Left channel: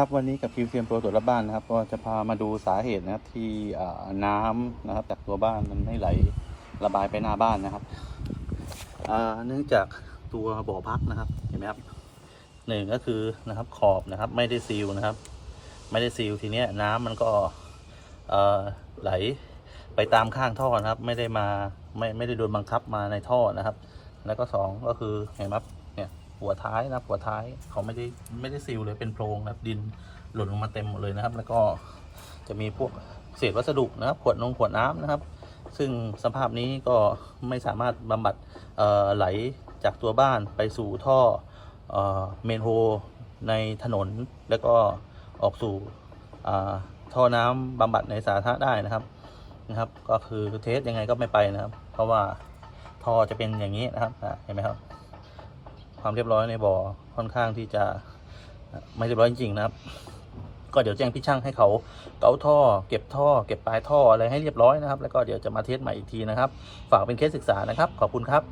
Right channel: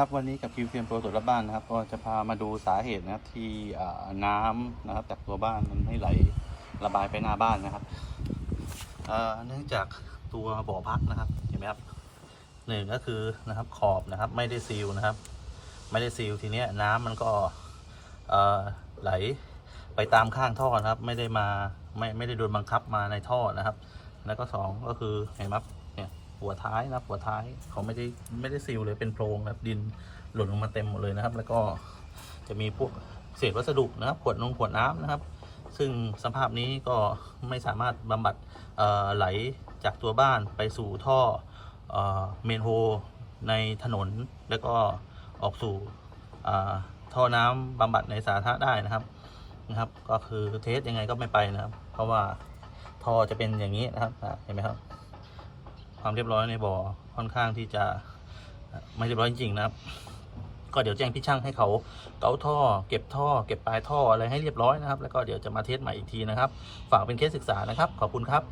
ครับวันนี้กับคิวเซียมโปรตรวจรับบ้านนะครับก็จะพามาดูสาเหตุนะครับที่น้ำนะครับจากตัวบ้านมันไม่ไหลระบายไปหน้าบ้านนะครับเนื่องจากตัวบ่อพักนะครับเห็นไหมครับหนึ่งก็คือนะครับขอบนะครับ ไม่ได้ซีลนะครับ ไม่ได้ซีลทีเนี้ยน้ำมันก็ไหลไปตามข้างท่อนะครับ ไม่ได้มาไม่ไม่ได้โดนบังคับมาในท่อนะครับ แล้วก็สองก็คือเห็นไหมครับเนี่ย หัวท้ายนะครับหัวท้ายเขาไม่ได้ไม่ได้ซีลเลยเป็นโพรงนะครับดินหล่นลงมาเต็มหมดเลยนะครับ แล้วก็จะมีพวกเศษวัสดุนะครับขวดนงขวดน้ำนะครับ ซึ่งสภาพนี้ก็ไม่สามารถบำบัดไหลจากตัวบ้านไปสู่ท่อเมนโฮในถนน แล้วก็ออกสู่ท่อน้ำบำบัดในสาธารณะได้นะครับนะครับ ก็คือเทสยังไงก็ไม่ไปนะครับ เพราะว่าท่อจะเป็นอย่างนี้นะครับเห็นไหมครับ ความเรียบร้อยในบ่อค่อนข้างที่จะไม่เรียบร้อยจริงนะครับ ก็เดี๋ยวแจ้งพี่ช่างให้เขาเกาท่อ เก็บท่อ เก็บปลายท่ออะไรให้เรียบร้อยนะครับ แล้วก็เดี๋ยวจะมาเทสใหม่อีกทีนะครับ ฝากเป็นเคสศึกษานะครับ ขอบคุณครับ